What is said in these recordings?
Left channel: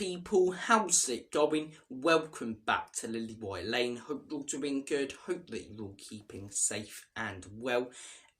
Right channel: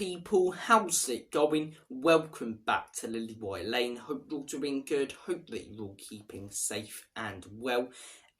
people, how's it going? Welcome back to Lilywhite Lane. Hope you're all doing good, hope that you're all keeping safe and well,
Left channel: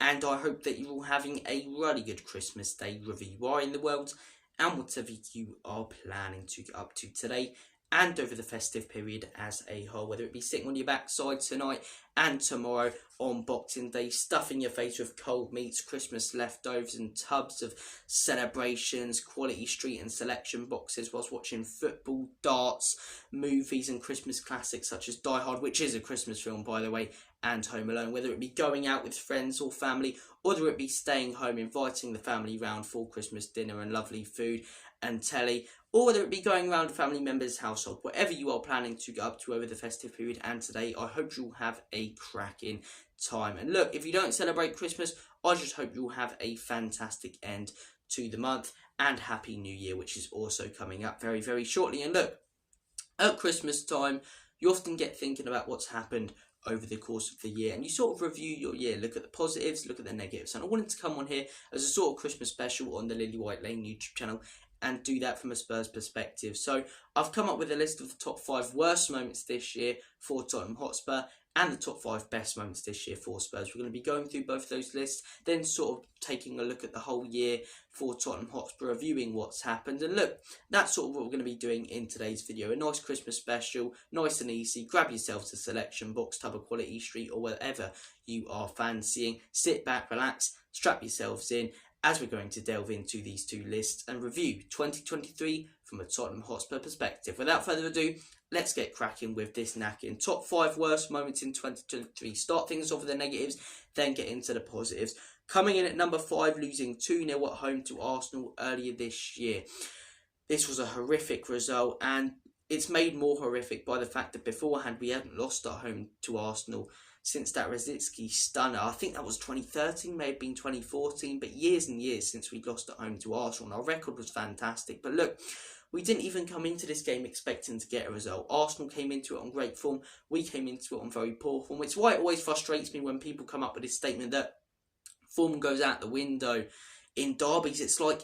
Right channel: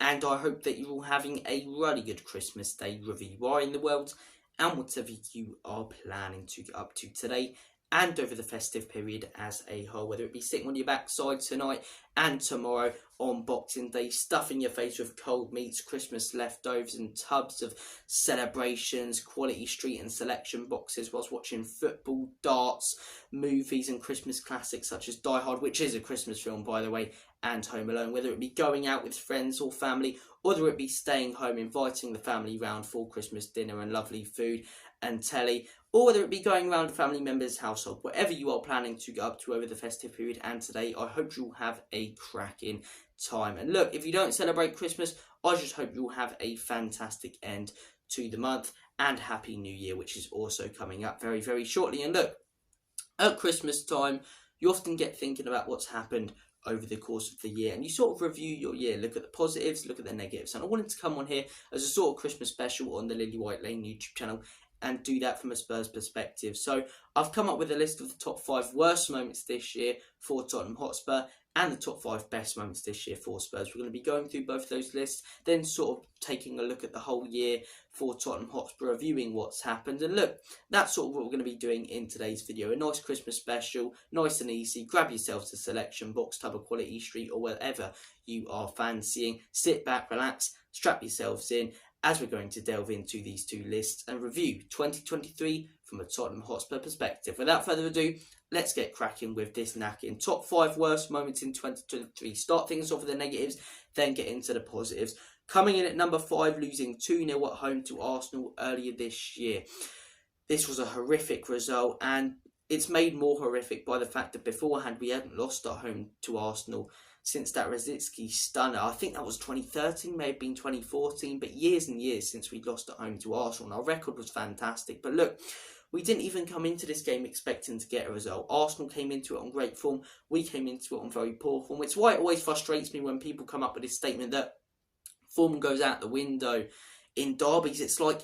and I hope that you're all having a really good Christmas day wherever you are in the world, and whatever you are planning to get up to today and over the festive period as a whole, whether it be sitting on your backside tonight and tomorrow on Boxing Day, stuffing your face with cold meats, Christmas leftovers and tubs of celebrations, quality street and selection boxes whilst watching football, darts, movies and Christmas classics such as Die Hard, which is a Christmas film by the way, and Home Alone, whether it be going out with friends or family, or whether it be staying home, inviting the family round for Christmas dinner and lovely food and telly, or whether it be going around a family member's household, whatever you are planning to get up to over the festive period and today, I hope you'll have a cracking time. And look, if you don't celebrate Christmas, I just hope you'll have a fantastic end to the month and Happy New Year, which is also coming up very, very shortly. And look, at Christmas time, you often get thinking about what's happened over the course of the year, and you sort of review your year, look at the positives, look at the negatives. And I wanted to come on here as a sort of Christmas special on the Lilywhite Lane YouTube channel and do that from a Spurs perspective. So I've come up with a list of the top 5 worst moments this year for Tottenham Hotspur and the top 5 best moments this year for Spurs. We're going to be going through both of those lists, then sort of taking a look at the whole year for Tottenham Hotspur, reviewing what's happened. And look, that's sort of what we're going to be doing in today's video. A nice Christmas special, nice and easy. Grab yourselves a selection box, tub of Quality Street or whatever you are fancying. Sit back, relax, strap yourselves in, as we're going to delve into these two lists and review 2023 from a Tottenham Hotspur perspective. Without further ado, let's get cracking with this knacking. Top 5 worst moments in 2023. Start things off with the negatives, then get into the positives. Coming in at number 5, losing 2-0 at home to Arsenal earlier this year. This was a horrific result, and it's made more horrific by the fact that beforehand we hadn't lost at home to Arsenal since that Rosicky stunner. I think that was 2013, may have been 2014, but years and years since we'd lost at home to Arsenal, and our record was fantastic. But look, we didn't even come into this game expecting to get a result. Arsenal came into it on great form, we came into it on very poor form. It's why it always frustrates me when people come up with this statement that form goes out the window in derbies. It's like,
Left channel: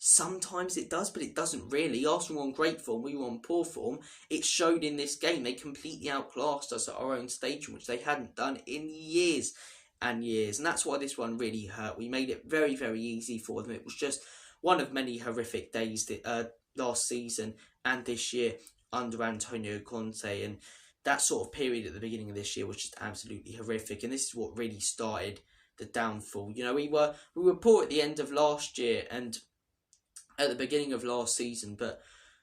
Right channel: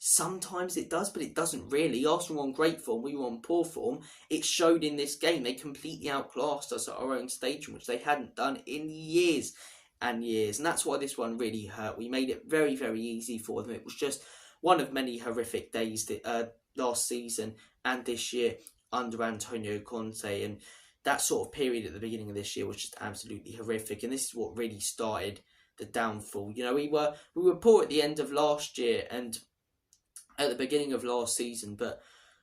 sometimes it does, but it doesn't really. Arsenal were on great form, we were on poor form. It showed in this game. They completely outclassed us at our own stadium, which they hadn't done in years and years. And that's why this one really hurt. We made it very, very easy for them. It was just one of many horrific days that, last season and this year under Antonio Conte. And that sort of period at the beginning of this year was just absolutely horrific. And this is what really started the downfall. You know, we were poor at the end of last year and at the beginning of last season, but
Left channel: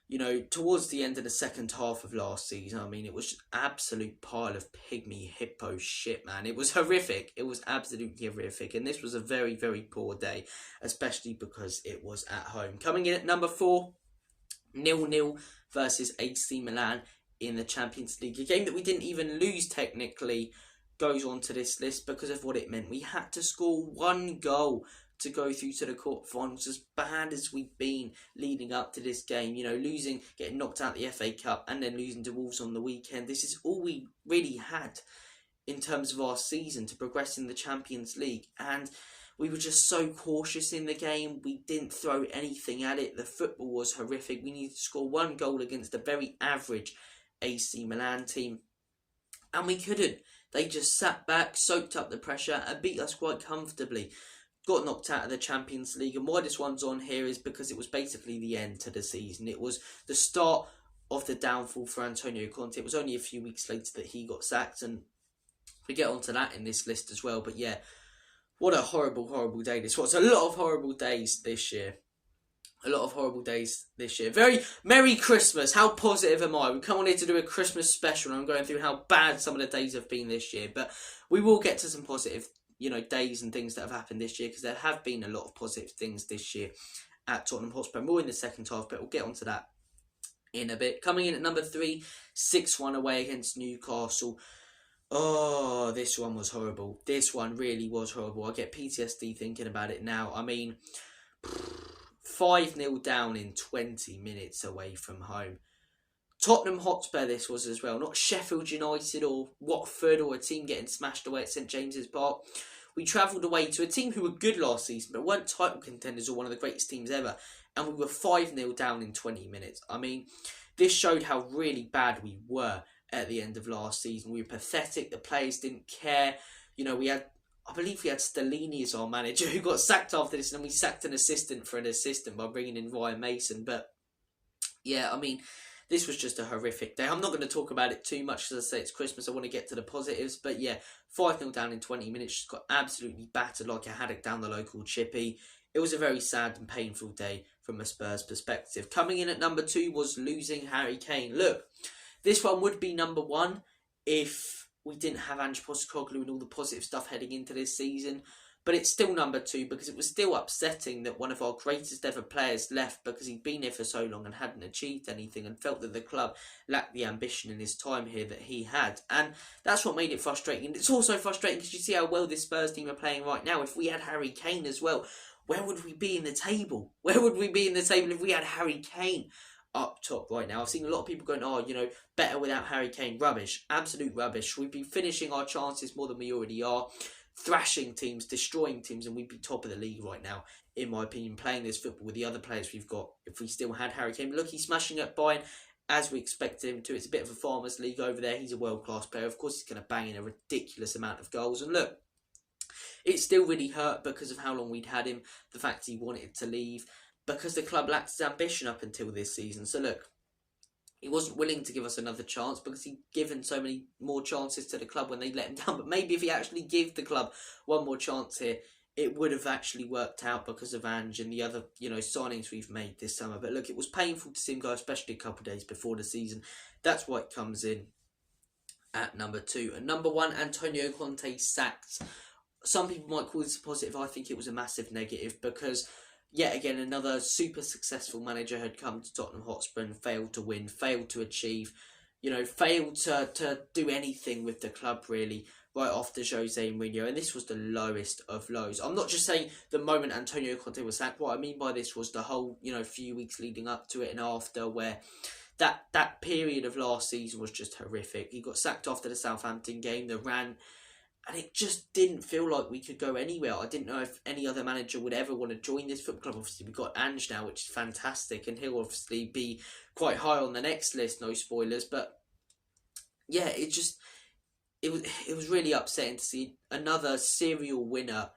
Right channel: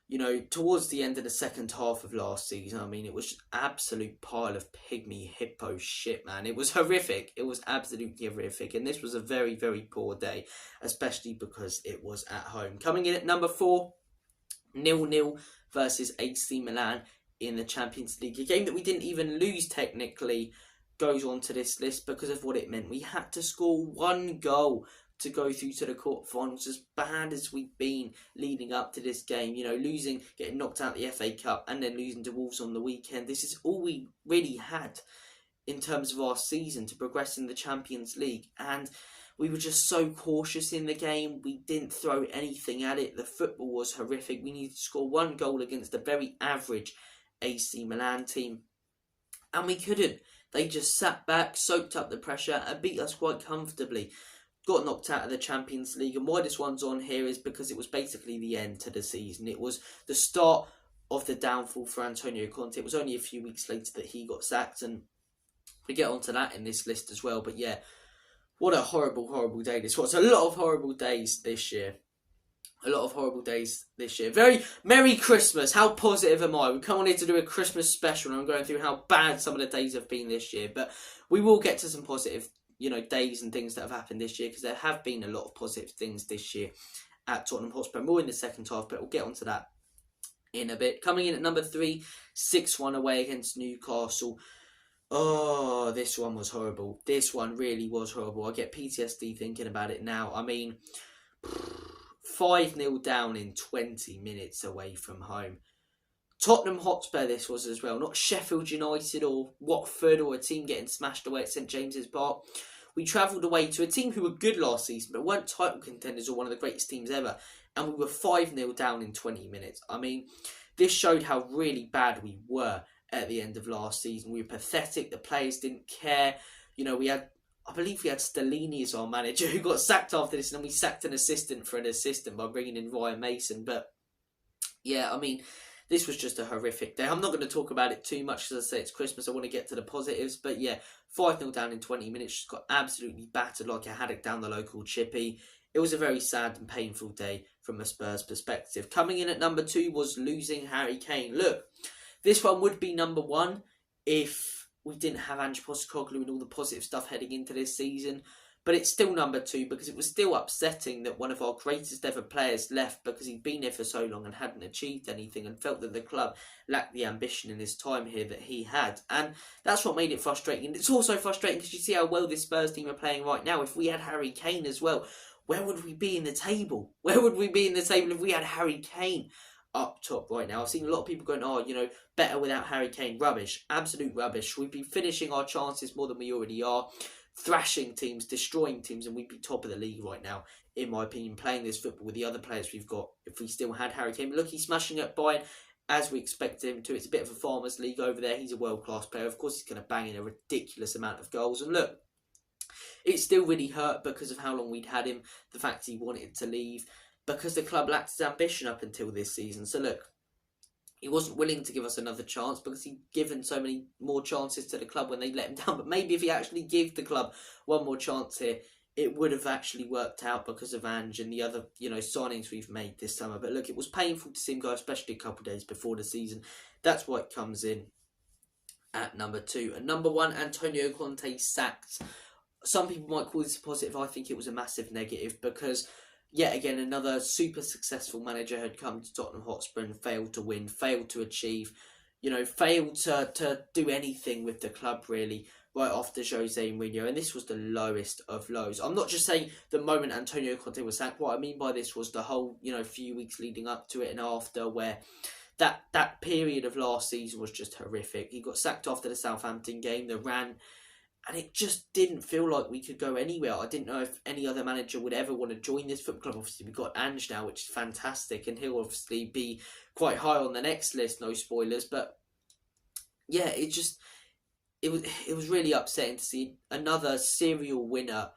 you know, towards the end of the second half of last season, I mean, it was just absolute pile of pygmy hippo shit, man. It was horrific. It was absolutely horrific, and this was a very, very poor day, especially because it was at home. Coming in at number 4, 0-0 versus AC Milan in the Champions League, a game that we didn't even lose technically, goes on to this list because of what it meant. We had to score 1 goal to go through to the quarterfinals. As bad as we've been leading up to this game, you know, losing, getting knocked out the FA Cup and then losing to Wolves on the weekend, this is all we really had in terms of our season to progress in the Champions League. And we were just so cautious in the game. We didn't throw anything at it. The football was horrific. We needed to score 1 goal against a very average AC Milan team, and we couldn't. They just sat back, soaked up the pressure and beat us quite comfortably. Got knocked out of the Champions League. And why this one's on here is because it was basically the end to the season. It was the start of the downfall for Antonio Conte. It was only a few weeks later that he got sacked, and we get onto that in this list as well. But yeah, what a horrible, horrible day this was. A lot of horrible days this year. A lot of horrible days this year. Very Merry Christmas. How positive am I? We come on here to do a Christmas special, and I'm going through how bad some of the days have been this year. But we will get to some positive, you know, days and things that have happened this year, because there have been a lot of positive things this year at Tottenham Hotspur. More in the second half, but we'll get onto that in a bit. Coming in at number 3, 6-1 away against Newcastle. Oh, this one was horrible. This one really was horrible. I get PTSD thinking about it now. I mean, 5-0 down in 20 minutes away from home. Tottenham Hotspur this was as well, not Sheffield United or Watford or a team getting smashed away at St James's Park. We travelled away to a team who were good last season but weren't title contenders or one of the greatest teams ever, and we were 5-0 down in 20 minutes. I mean, this showed how really bad we were at the end of last season. We were pathetic. The players didn't care. You know, I believe we had Stellini as our manager, who got sacked after this, and then we sacked an assistant for an assistant by bringing in Ryan Mason. But yeah, I mean, this was just a horrific day. I'm not going to talk about it too much because I say it's Christmas. I want to get to the positives. But yeah, 5-0 down in 20 minutes. Just got absolutely battered like a haddock down the local chippy. It was a very sad and painful day from a Spurs perspective. Coming in at number 2 was losing Harry Kane. Look, this one would be number 1 if we didn't have Ange Postecoglou and all the positive stuff heading into this season. But it's still number 2 because it was still upsetting that one of our greatest ever players left because he'd been here for so long and hadn't achieved anything and felt that the club lacked the ambition in his time here that he had. And that's what made it frustrating. It's also frustrating because you see how well this Spurs team are playing right now. If we had Harry Kane as well, where would we be in the table? Where would we be in the table if we had Harry Kane up top right now? I've seen a lot of people going, oh, you know, better without Harry Kane. Rubbish. Absolute rubbish. We'd be finishing our chances more than we already are. Thrashing teams, destroying teams, and we'd be top of the league right now, in my opinion, playing this football with the other players we've got if we still had Harry Kane. But look, he's smashing at Bayern as we expected him to. It's a bit of a farmers league over there. He's a world-class player. Of course, he's going to bang in a ridiculous amount of goals. And look, it still really hurt because of how long we'd had him, the fact he wanted to leave, because the club lacked his ambition up until this season. So look, he wasn't willing to give us another chance because he'd given so many more chances to the club when they let him down. But maybe if he actually gave the club one more chance here, it would have actually worked out because of Ange and the other, you know, signings we've made this summer. But look, it was painful to see him go, especially a couple of days before the season. That's why it comes in at number 2. And number 1, Antonio Conte sacked. Some people might call this a positive. I think it was a massive negative because, yet again, another super successful manager had come to Tottenham Hotspur and failed to win, failed to achieve, you know, failed to do anything with the club really right after Jose Mourinho. And this was the lowest of lows. I'm not just saying the moment Antonio Conte was sacked. What I mean by this was the whole, you know, few weeks leading up to it and after, where that period of last season was just horrific. He got sacked after the Southampton game, the ran. And it just didn't feel like we could go anywhere. I didn't know if any other manager would ever want to join this football club. Obviously, we've got Ange now, which is fantastic. And he'll obviously be quite high on the next list, no spoilers. But yeah, it was really upsetting to see another serial winner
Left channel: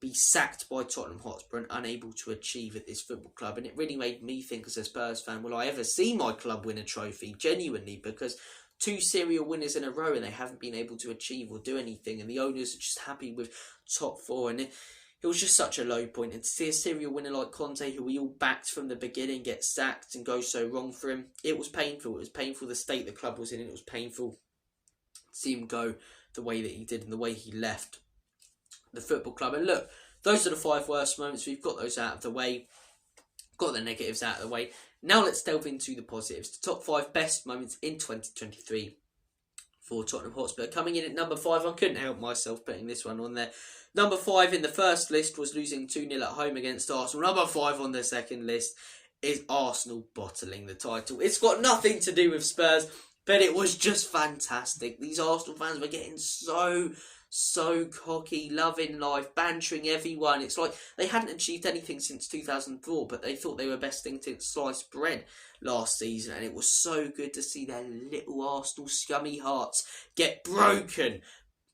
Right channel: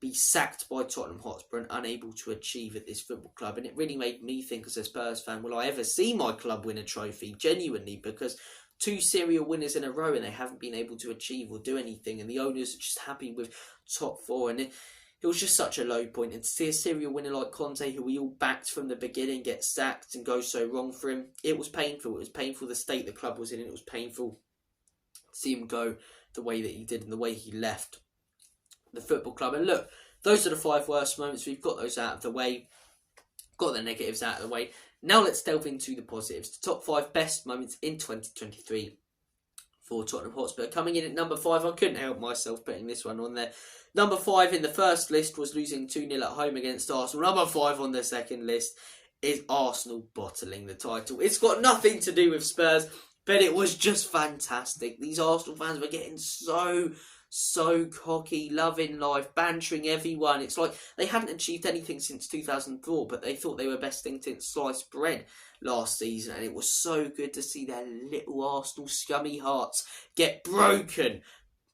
be sacked by Tottenham Hotspur and unable to achieve at this football club. And it really made me think as a Spurs fan, will I ever see my club win a trophy? Genuinely, because 2 serial winners in a row and they haven't been able to achieve or do anything, and the owners are just happy with top 4, and it was just such a low point. And to see a serial winner like Conte, who we all backed from the beginning, get sacked and go so wrong for him, it was painful. It was painful the state the club was in. It was painful to see him go the way that he did and the way he left the football club. And look, those are the 5 worst moments. We've got those out of the way, got the negatives out of the way. Now let's delve into the positives. The top 5 best moments in 2023 for Tottenham Hotspur. Coming in at number 5, I couldn't help myself putting this one on there. Number 5 in the first list was losing 2-0 at home against Arsenal. Number 5 on the second list is Arsenal bottling the title. It's got nothing to do with Spurs, but it was just fantastic. These Arsenal fans were getting so cocky, loving life, bantering everyone. It's like they hadn't achieved anything since 2004, but they thought they were best thing since sliced bread last season, and it was so good to see their little Arsenal scummy hearts get broken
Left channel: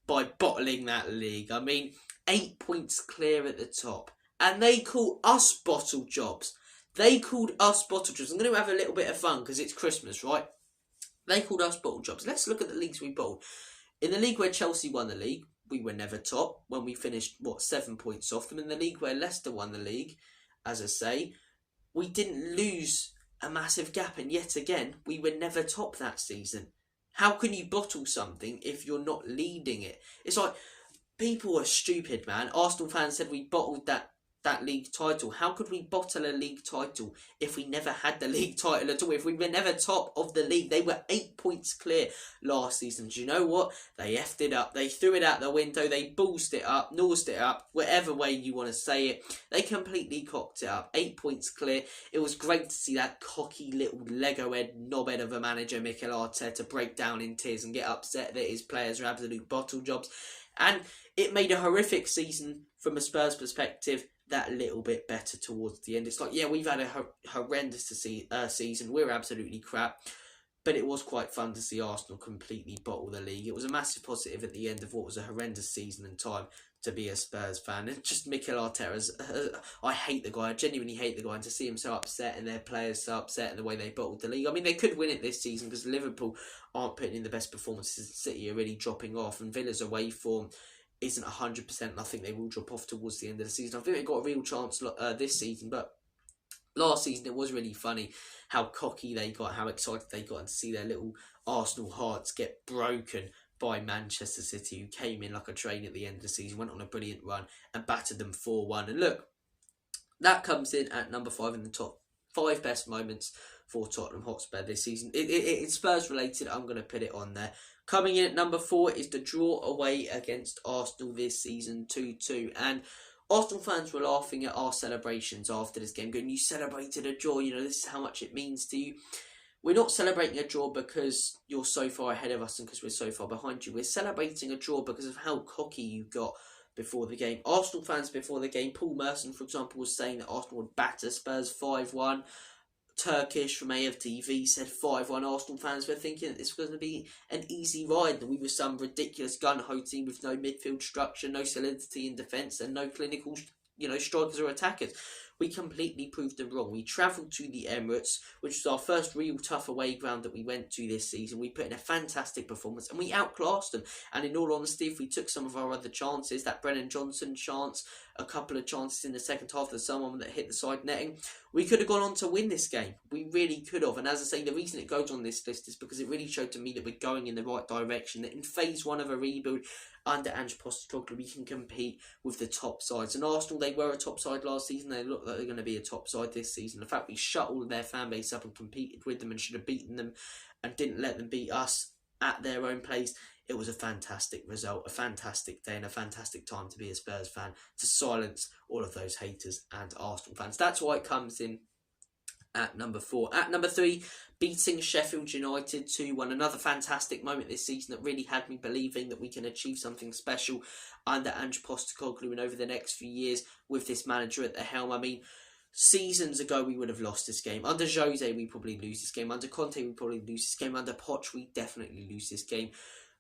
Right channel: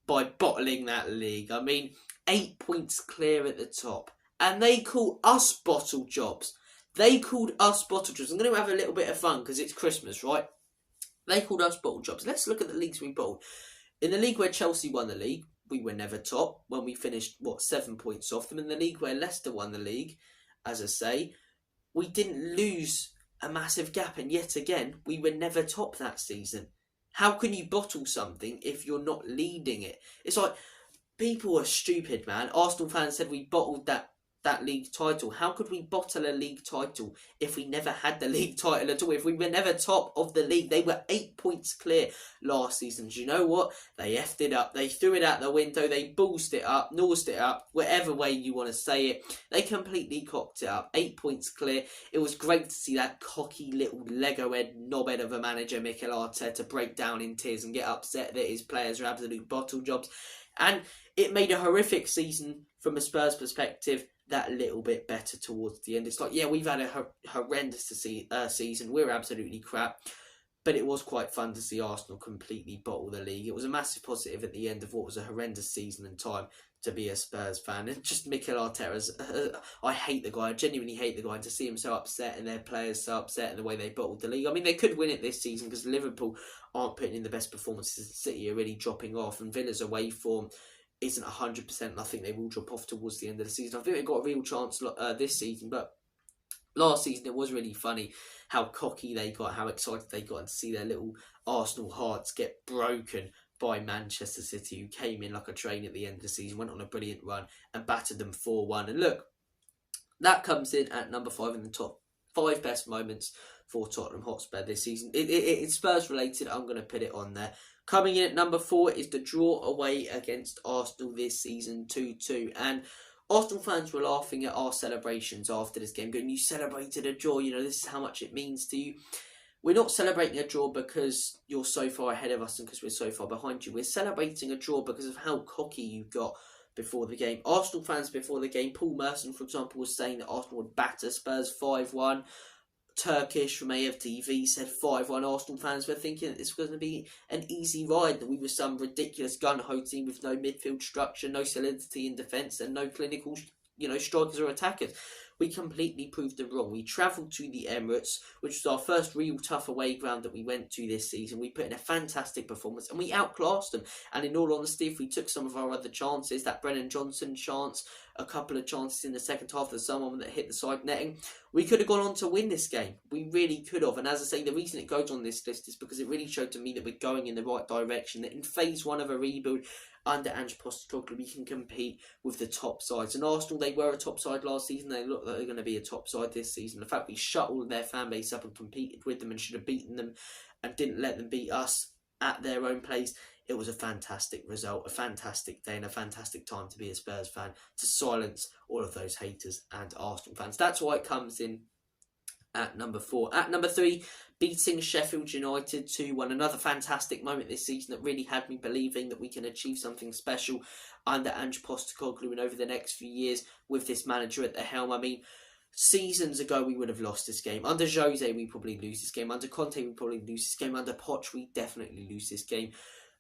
by bottling that league. I mean, 8 points clear at the top, and they call us bottle jobs. They called us bottle jobs. I'm going to have a little bit of fun because it's Christmas, right? They called us bottle jobs. Let's look at the leagues we bottled. In the league where Chelsea won the league, we were never top when we finished, 7 points off them. In the league where Leicester won the league, as I say, we didn't lose a massive gap. And yet again, we were never top that season. How can you bottle something if you're not leading it? It's like, people are stupid, man. Arsenal fans said we bottled that league title. How could we bottle a league title if we never had the league title at all? If we were never top of the league, they were 8 points clear last season. Do you know what? They effed it up. They threw it out the window. They ballsed it up, nosed it up, whatever way you want to say it. They completely cocked it up. 8 points clear. It was great to see that cocky little Lego head knobhead of a manager, Mikel Arteta, break down in tears and get upset that his players are absolute bottle jobs. And it made a horrific season from a Spurs perspective that little bit better towards the end. It's like, yeah, we've had a horrendous season. We're absolutely crap. But it was quite fun to see Arsenal completely bottle the league. It was a massive positive at the end of what was a horrendous season and time to be a Spurs fan. And just Mikel Arteta's, I hate the guy. I genuinely hate the guy. And to see him so upset and their players so upset and the way they bottled the league. I mean, they could win it this season because Liverpool aren't putting in the best performances. City are really dropping off. And Villa's away form isn't 100%. And I think they will drop off towards the end of the season. I think they've got a real chance this season. But last season, it was really funny how cocky they got, how excited they got, and to see their little Arsenal hearts get broken by Manchester City, who came in like a train at the end of the season, went on a brilliant run and battered them 4-1. And look, that comes in at number 5 in the top 5 best moments for Tottenham Hotspur this season. It's Spurs related, I'm going to put it on there. Coming in at number 4 is the draw away against Arsenal this season, 2-2. And Arsenal fans were laughing at our celebrations after this game, going, you celebrated a draw, this is how much it means to you. We're not celebrating a draw because you're so far ahead of us and because we're so far behind you. We're celebrating a draw because of how cocky you got before the game. Arsenal fans before the game, Paul Merson, for example, was saying that Arsenal would batter Spurs 5-1. Turkish from AFTV said 5-1. Arsenal fans were thinking that this was going to be an easy ride, that we were some ridiculous gun-ho team with no midfield structure, no solidity in defence and no clinical strikers or attackers. We completely proved them wrong. We travelled to the Emirates, which was our first real tough away ground that we went to this season. We put in a fantastic performance and we outclassed them. And in all honesty, if we took some of our other chances, that Brennan Johnson chance, a couple of chances in the second half, there's someone that hit the side netting, we could have gone on to win this game. We really could have. And as I say, the reason it goes on this list is because it really showed to me that we're going in the right direction, that in phase 1 of a rebuild, under Ange Postecoglou, we can compete with the top sides. And Arsenal, they were a top side last season. They look like they're going to be a top side this season. The fact we shut all of their fan base up and competed with them and should have beaten them and didn't let them beat us at their own place, it was a fantastic result, a fantastic day and a fantastic time to be a Spurs fan, to silence all of those haters and Arsenal fans. That's why it comes in at number 4. At number 3, beating Sheffield United 2-1. Another fantastic moment this season that really had me believing that we can achieve something special under Ange Postecoglou and over the next few years with this manager at the helm. I mean, seasons ago we would have lost this game. Under Jose we probably lose this game. Under Conte we probably lose this game. Under Poch we definitely lose this game.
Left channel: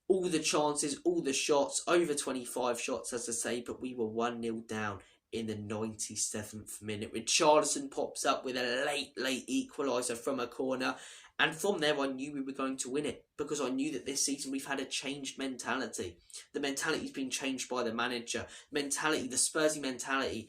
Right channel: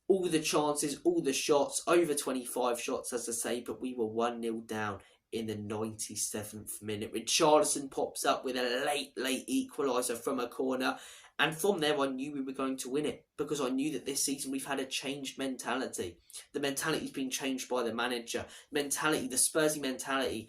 All the chances, all the shots, over 25 shots as I say, but we were 1-0 down in the 97th minute. Richarlison pops up with a late equaliser from a corner. And from there, I knew we were going to win it because I knew that this season we've had a changed mentality. The mentality's been changed by the manager. The Spursy mentality,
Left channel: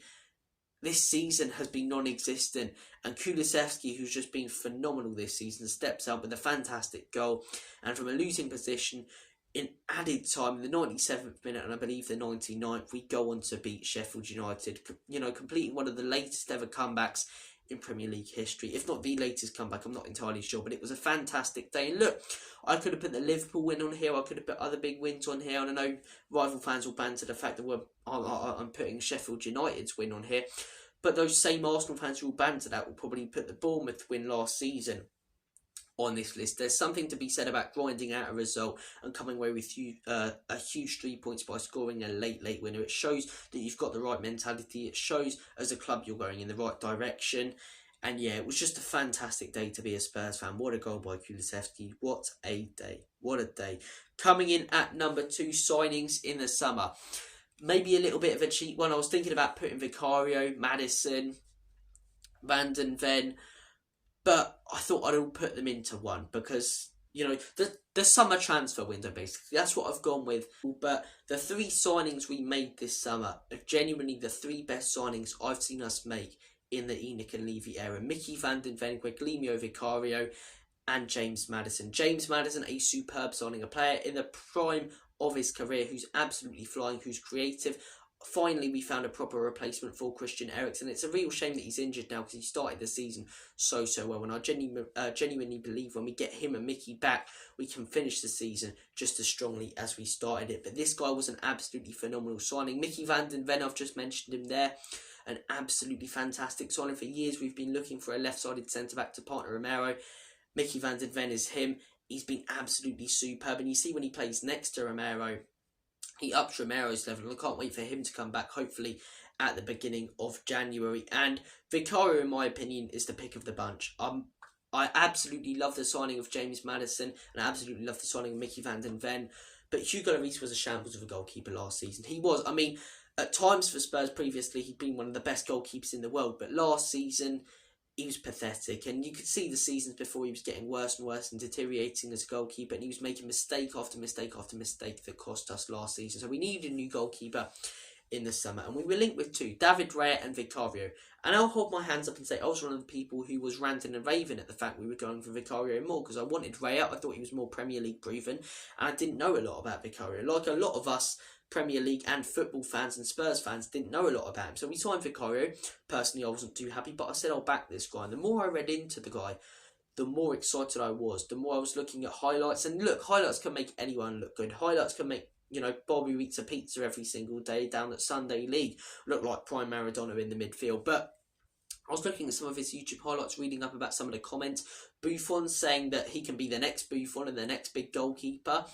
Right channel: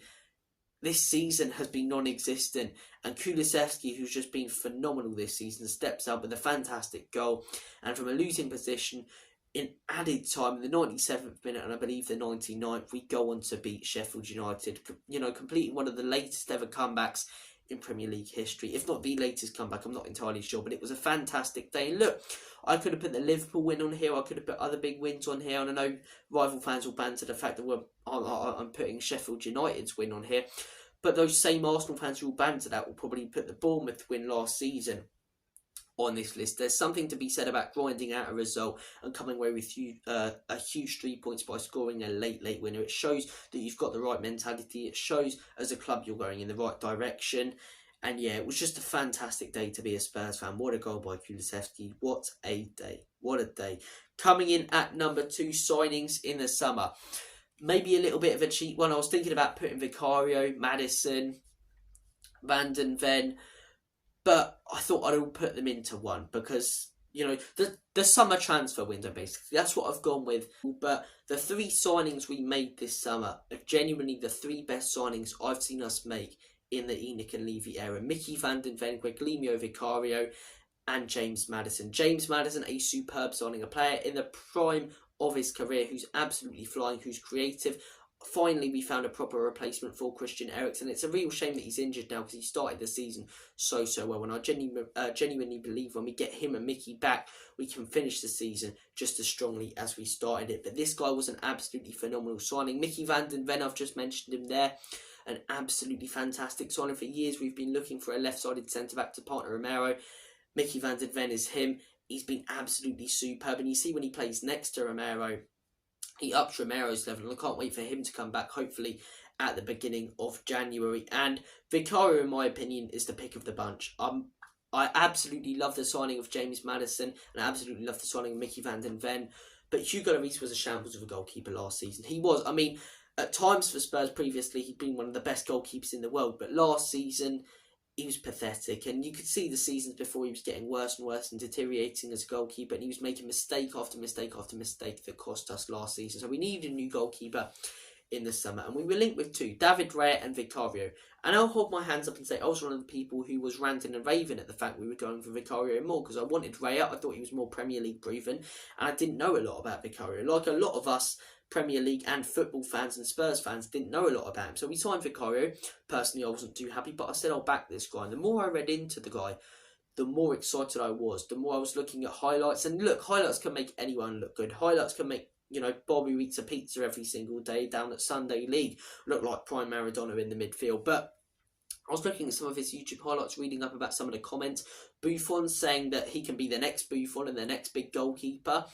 this season has been non-existent. And Kulusevski, who's just been phenomenal this season, steps up with a fantastic goal. And from a losing position, in added time, in the 97th minute and I believe the 99th, we go on to beat Sheffield United, completing one of the latest ever comebacks in Premier League history. If not the latest comeback, I'm not entirely sure, but it was a fantastic day. And look, I could have put the Liverpool win on here, I could have put other big wins on here, and I know rival fans will banter the fact that I'm putting Sheffield United's win on here, but those same Arsenal fans who will banter that will probably put the Bournemouth win last season on this list. There's something to be said about grinding out a result and coming away with a huge 3 points by scoring a late winner. It shows that you've got the right mentality. It shows as a club you're going in the right direction. And yeah, it was just a fantastic day to be a Spurs fan. What a goal by Kulusevski. What a day. What a day. Coming in at number 2, signings in the summer. Maybe a little bit of a cheap one. I was thinking about putting Vicario, Maddison, Van den Ven, but I thought I'd all put them into one because, the summer transfer window, basically. That's what I've gone with. But the 3 signings we made this summer are genuinely the 3 best signings I've seen us make in the ENIC and Levy era. Mickey Van den Ven, Guglielmo Vicario and James Maddison. James Maddison, a superb signing, a player in the prime of his career who's absolutely flying, who's creative. Finally, we found a proper replacement for Christian Eriksen. It's a real shame that he's injured now because he started the season so well. And I genuinely believe when we get him and Mickey back, we can finish the season just as strongly as we started it. But this guy was an absolutely phenomenal signing. Mickey Van den Ven, I've just mentioned him there. An absolutely fantastic signing. For years, we've been looking for a left-sided centre-back to partner Romero. Mickey Van den Ven is him. He's been absolutely superb. And you see when he plays next to Romero, he ups Romero's level, and I can't wait for him to come back, hopefully, at the beginning of January. And Vicario, in my opinion, is the pick of the bunch. I absolutely love the signing of James Maddison, and I absolutely love the signing of Mickey van den Ven. But Hugo Lloris was a shambles of a goalkeeper last season. He was. I mean, at times for Spurs previously, he'd been one of the best goalkeepers in the world. But last season, he was pathetic. And you could see the seasons before he was getting worse and worse and deteriorating as a goalkeeper. And he was making mistake after mistake after mistake that cost us last season. So we needed a new goalkeeper in the summer. And we were linked with two, David Raya and Vicario. And I'll hold my hands up and say I was one of the people who was ranting and raving at the fact we were going for Vicario more, because I wanted Raya. I thought he was more Premier League proven, and I didn't know a lot about Vicario. Like a lot of us Premier League and football fans and Spurs fans didn't know a lot about him. So we signed Vicario. Personally, I wasn't too happy, but I said I'll back this guy. And the more I read into the guy, the more excited I was. The more I was looking at highlights. And look, highlights can make anyone look good. Highlights can make, Bobby eats a pizza every single day down at Sunday League look like prime Maradona in the midfield. But I was looking at some of his YouTube highlights, reading up about some of the comments. Buffon saying that he can be the next Buffon and the next big goalkeeper.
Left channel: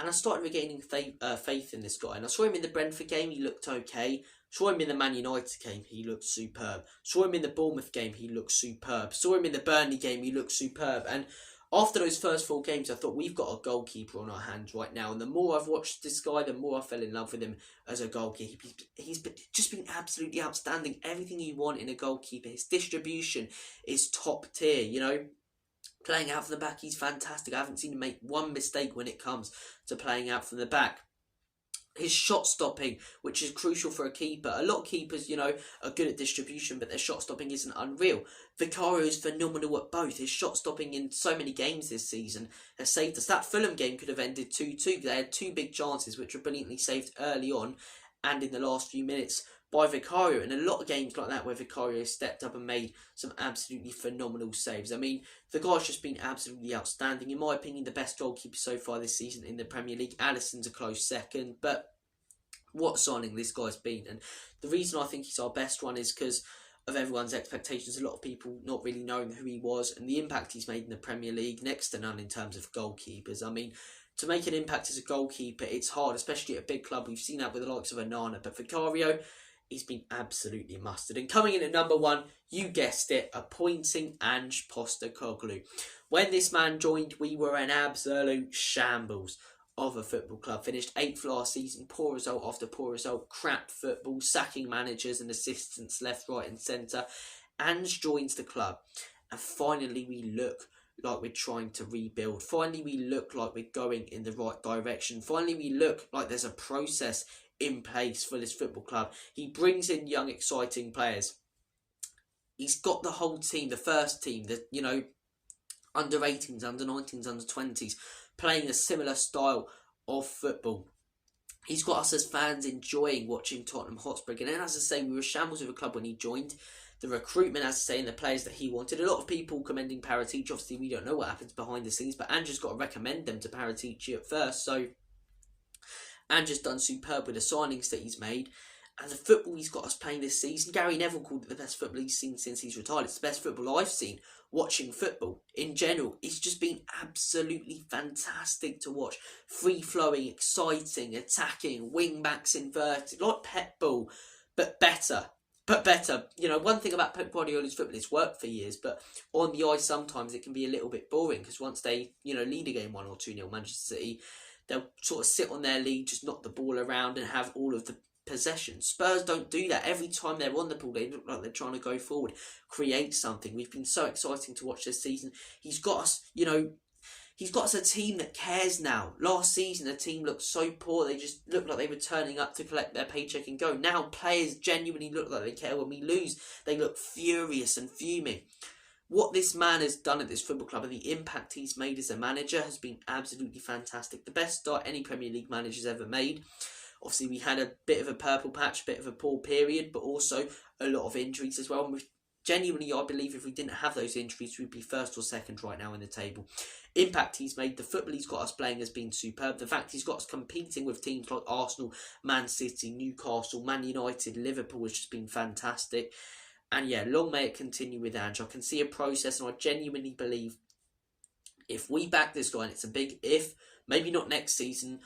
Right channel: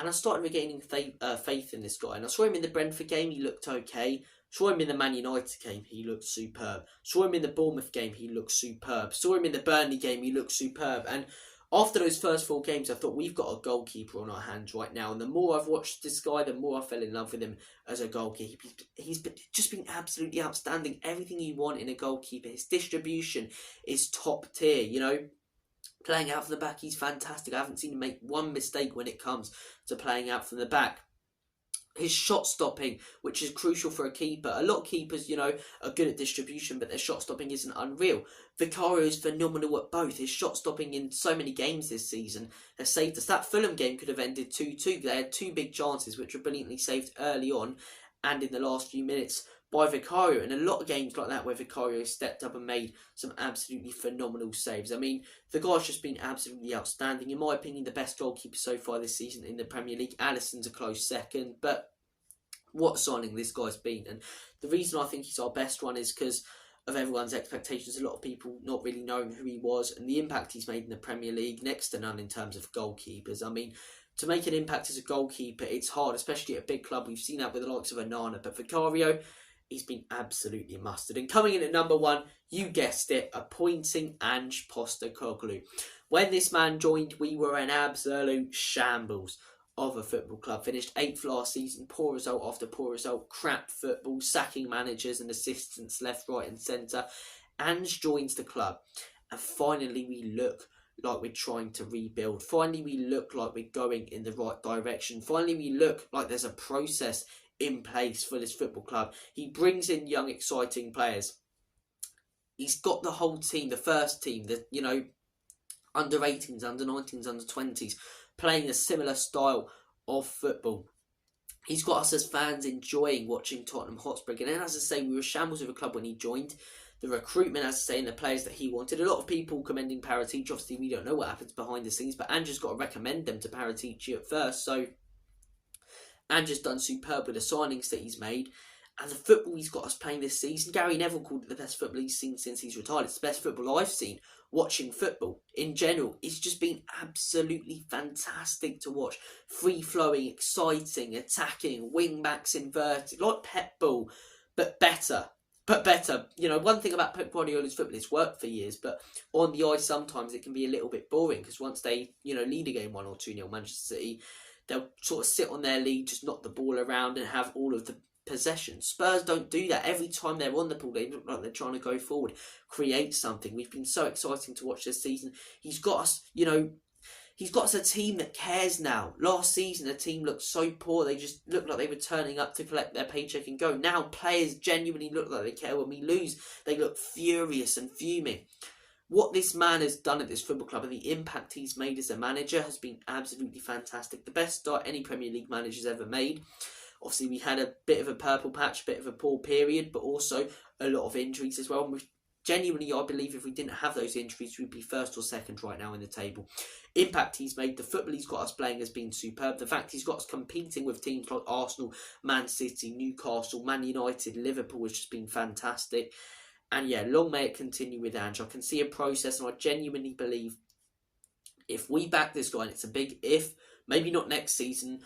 And I started regaining faith in this guy. And I saw him in the Brentford game, he looked okay. Saw him in the Man United game, he looked superb. Saw him in the Bournemouth game, he looked superb. Saw him in the Burnley game, he looked superb. And after those first 4 games, I thought we've got a goalkeeper on our hands right now. And the more I've watched this guy, the more I fell in love with him as a goalkeeper. He's just been absolutely outstanding. Everything you want in a goalkeeper. His distribution is top tier, Playing out from the back, he's fantastic. I haven't seen him make one mistake when it comes to playing out from the back. His shot stopping, which is crucial for a keeper. A lot of keepers, are good at distribution, but their shot stopping isn't unreal. Vicario is phenomenal at both. His shot stopping in so many games this season has saved us. That Fulham game could have ended 2-2. They had 2 big chances, which were brilliantly saved early on and in the last few minutes by Vicario. And a lot of games like that where Vicario stepped up and made some absolutely phenomenal saves. I mean, the guy's just been absolutely outstanding. In my opinion, the best goalkeeper so far this season in the Premier League. Alisson's a close second, but what signing this guy's been. And the reason I think he's our best one is because of everyone's expectations. A lot of people not really knowing who he was and the impact he's made in the Premier League, next to none in terms of goalkeepers. I mean, to make an impact as a goalkeeper, it's hard, especially at a big club. We've seen that with the likes of Onana, but Vicario, he's been absolutely mustard. And coming in at number 1, you guessed it, appointing Ange Postecoglou. When this man joined, we were an absolute shambles of a football club. Finished 8th last season, poor result after poor result, crap football, sacking managers and assistants left, right and centre. Ange joins the club, and finally we look like we're trying to rebuild. Finally we look like we're going in the right direction. Finally we look like there's a process in place for this football club. He brings in young, exciting players. He's got the whole team, the first team, the under 18s, under 19s, under 20s, playing a similar style of football. He's got us as fans enjoying watching Tottenham Hotspur. And as I say, we were shambles of a club when he joined. The recruitment, as I say, and the players that he wanted. A lot of people commending Paratici. Obviously, we don't know what happens behind the scenes, but Ange's got to recommend them to Paratici at first. So Ange's done superb with the signings that he's made. And the football he's got us playing this season, Gary Neville called it the best football he's seen since he's retired. It's the best football I've seen watching football in general. It's just been absolutely fantastic to watch. Free-flowing, exciting, attacking, wing-backs inverted, like Pep ball, but better. One thing about Pep Guardiola's football, it's worked for years, but on the ice sometimes it can be a little bit boring, because once they, lead a game 1 or 2-0 Manchester City, they'll sort of sit on their lead, just knock the ball around and have all of the possession. Spurs don't do that. Every time they're on the ball, they look like they're trying to go forward, create something. We've been so exciting to watch this season. He's got us, he's got us a team that cares now. Last season, the team looked so poor. They just looked like they were turning up to collect their paycheck and go. Now, players genuinely look like they care. When we lose, they look furious and fuming. What this man has done at this football club and the impact he's made as a manager has been absolutely fantastic. The best start any Premier League manager's ever made. Obviously, we had a bit of a purple patch, a bit of a poor period, but also a lot of injuries as well. And genuinely, I believe if we didn't have those injuries, we'd be first or second right now in the table. Impact he's made, the football he's got us playing has been superb. The fact he's got us competing with teams like Arsenal, Man City, Newcastle, Man United, Liverpool has just been fantastic. And yeah, long may it continue with Ange. I can see a process, and I genuinely believe if we back this guy, and it's a big if, maybe not next season,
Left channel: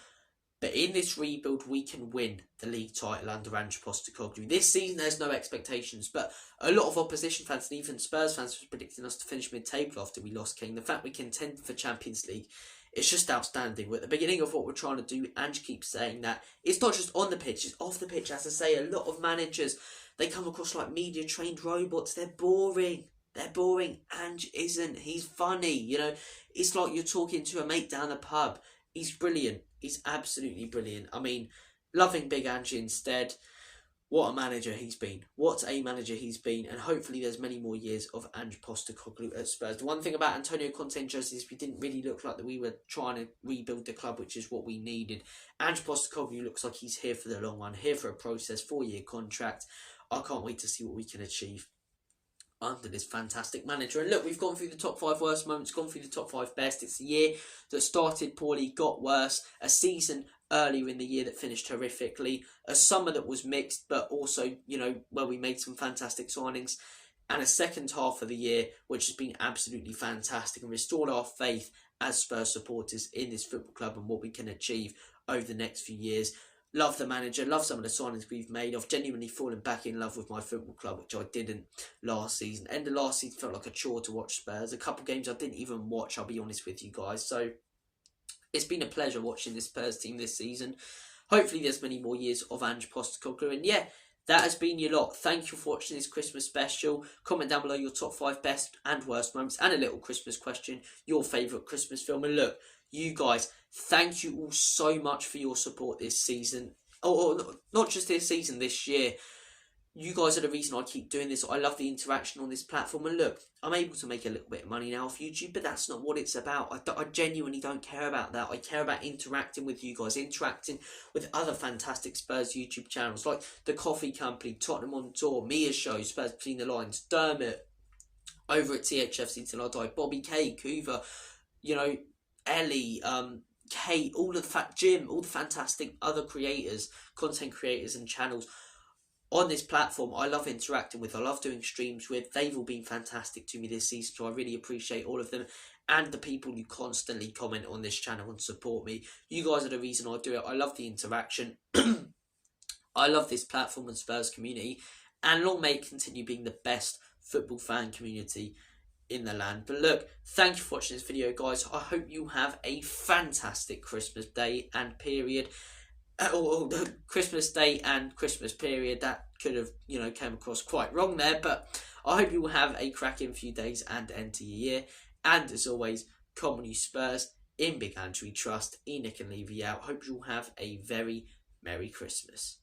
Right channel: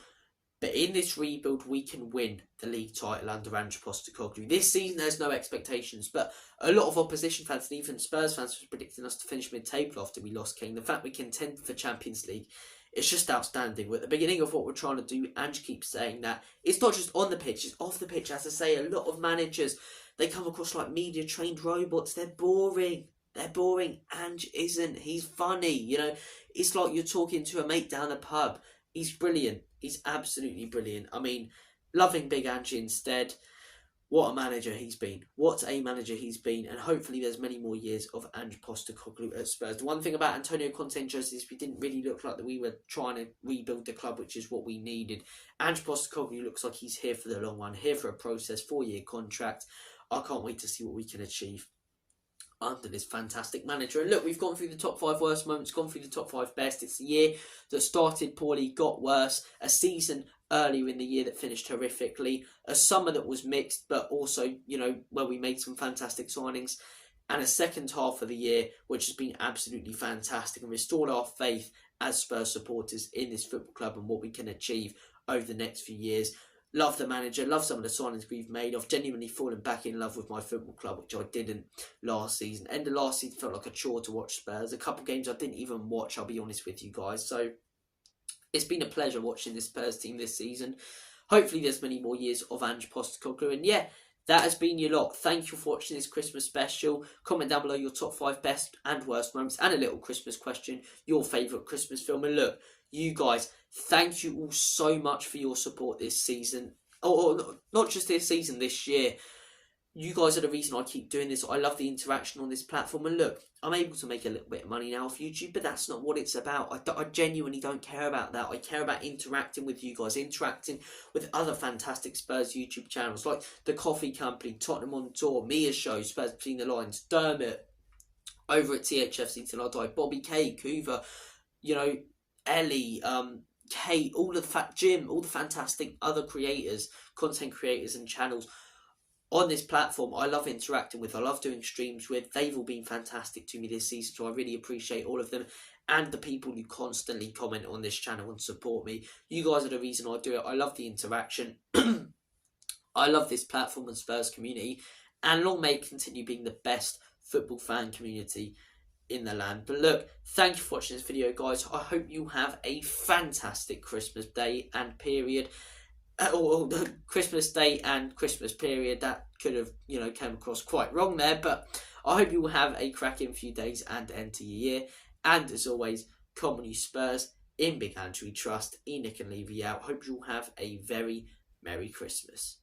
But in this rebuild, we can win the league title under Ange Postecoglou. This season, there's no expectations, but a lot of opposition fans and even Spurs fans were predicting us to finish mid-table after we lost Kane. The fact we contended for the Champions League, it's just outstanding. We're at the beginning of what we're trying to do. Ange keeps saying that. It's not just on the pitch, it's off the pitch. As I say, a lot of managers, they come across like media-trained robots. They're boring. They're boring. Ange isn't. He's funny, you know. It's like you're talking to a mate down the pub. He's brilliant. He's absolutely brilliant. I mean, loving Big Ange instead. What a manager he's been. What a manager he's been. And hopefully there's many more years of Ange Postecoglou at Spurs. The one thing about Antonio Conte and Jose is we didn't really look like that we were trying to rebuild the club, which is what we needed. Ange Postecoglou looks like he's here for the long run, here for a process, 4-year contract. I can't wait to see what we can achieve under this fantastic manager. And look, we've gone through the top 5 worst moments, gone through the top 5 best. It's a year that started poorly, got worse. A season earlier in the year that finished horrifically. A summer that was mixed, but also, you know, where we made some fantastic signings. And a second half of the year, which has been absolutely fantastic and restored our faith as Spurs supporters in this football club and what we can achieve over the next few years. Love the manager, love some of the signings we've made. I've genuinely fallen back in love with my football club, which I didn't last season. End of last season felt like a chore to watch Spurs. A couple of games I didn't even watch, I'll be honest with you guys. So it's been a pleasure watching this Spurs team this season. Hopefully there's many more years of Ange Postecoglou. And yeah, that has been your lot. Thank you for watching this Christmas special. Comment down below your top 5 best and worst moments and a little Christmas question. Your favourite Christmas film. And look, you guys, thank you all so much for your support this season. Not just this season, this year. You guys are the reason I keep doing this. I love the interaction on this platform. And look, I'm able to make a little bit of money now off YouTube, but that's not what it's about. I genuinely don't care about that. I care about interacting with you guys, interacting with other fantastic Spurs YouTube channels like The Coffee Company, Tottenham on Tour, Mia's Show, Spurs Between the Lines, Dermot, over at THFC Till I Die, Bobby K, Coover, you know, Ellie, Kate, Jim, all the fantastic other creators, content creators and channels on this platform. I love interacting with, I love doing streams with. They've all been fantastic to me this season, so I really appreciate all of them and the people who constantly comment on this channel and support me. You guys are the reason I do it. I love the interaction. I love this platform and Spurs community, and long may it continue being the best football fan community in the land. But look, thank you for watching this video, guys. I hope you have a fantastic Christmas day and period. Or Christmas day and Christmas period. That could have, you know, came across quite wrong there, but I hope you will have a cracking few days and end to your year. And as always, come on you Spurs, in Big Ange we trust. Enoch and Levy out. Hope you'll have a very Merry Christmas.